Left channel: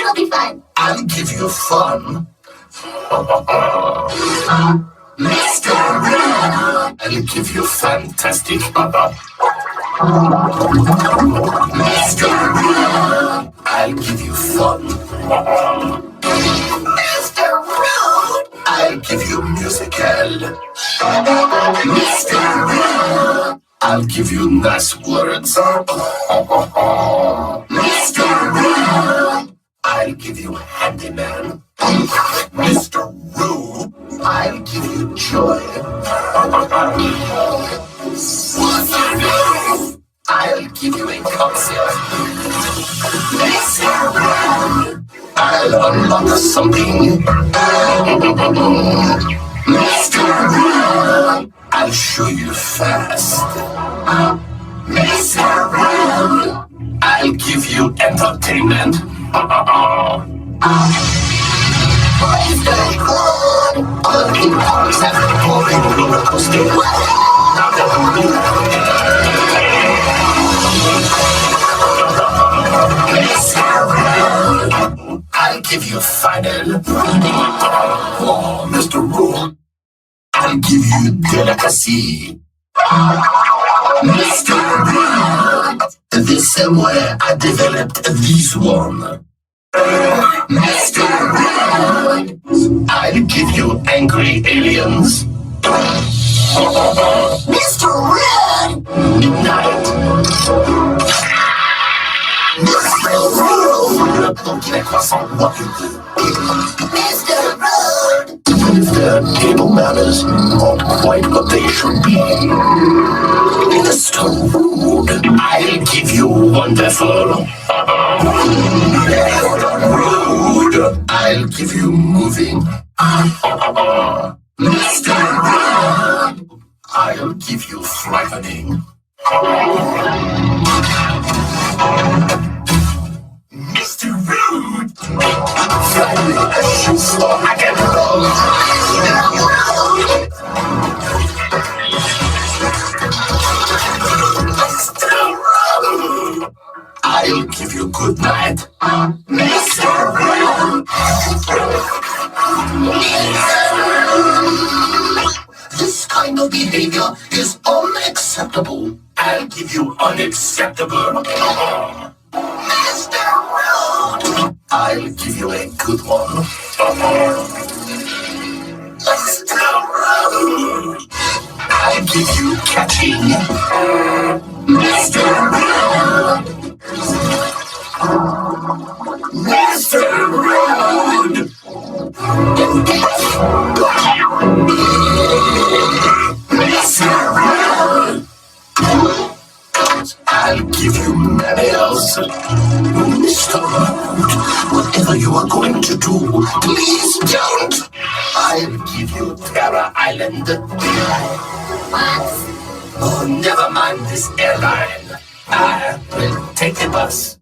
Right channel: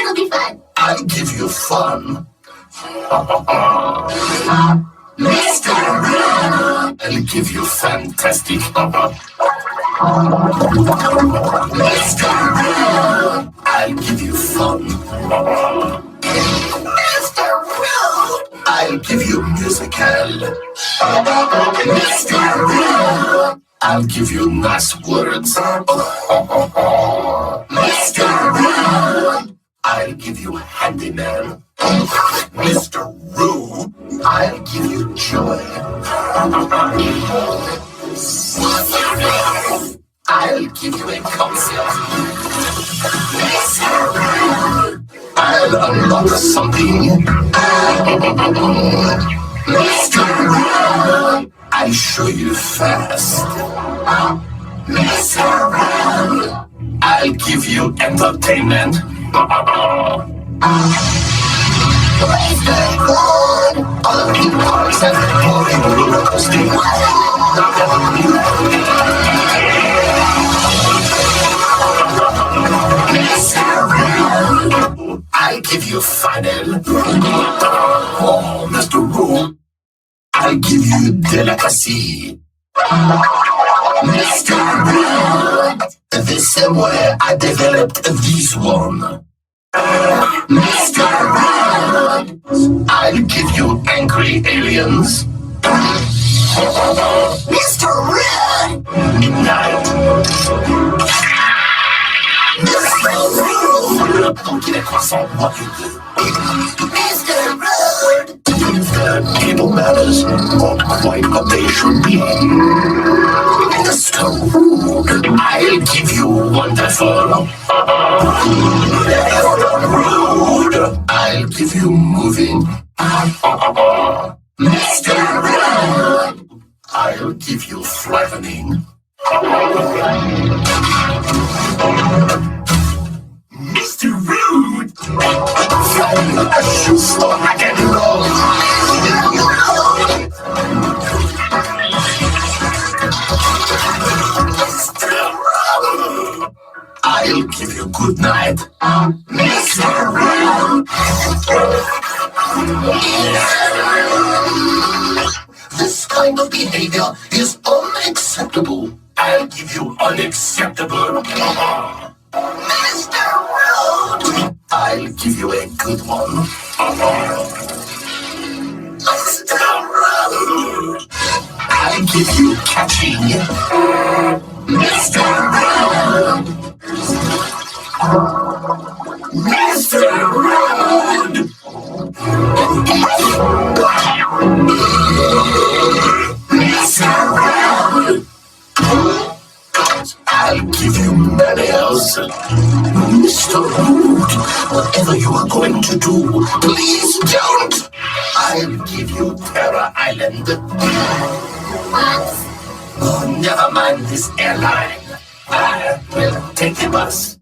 it'll be fun. I'll give you fun. Mr. Rude. I'll give you fantastic. Mr. Rude. I'll give you fun. Mr. Rude. I'll give you musical. Mr. Rude. I'll give you nice words. Mr. Rude. I'll give you handyman. Mr. Rude. I'll give you joy. I'll give you a concert. Mr. Rude. I'll unlock something. Mr. Rude. I'll show you fast. Mr. Rude. I'll give you entertainment. Mr. Rude. All the parts have been boring roller coaster. Mr. Rude. I'll give you final. Oh, Mr. Rude. I'll give you delicacy. Mr. Rude. The same way I developed this one. Mr. Rude. I'll give you angry aliens. Mr. Rude. Midnight. Mr. Rude. Donc il a croissant, moi. Mr. Rude. If their table manners not quite what they should be. Mr. Rude. I'll give you wonderful. Mr. Rude. I'll give you moving. Mr. Rude. I'll give you frightening. Mr. Rude. Finally, I should start again along. I'll give you good night. Mr. Rude. This kind of behavior is unacceptable. I'll give you unacceptable. Mr. Rude. I'll give you a good one. Mr. Rude. I'll give you catching. Mr. Rude. Mr. Rude. Mr. Rude. I'll give you manners. Mr. Rude, whatever you are going to do, please don't. I'll give you Terror Island. What? Oh, never mind this airline. I will take the bus.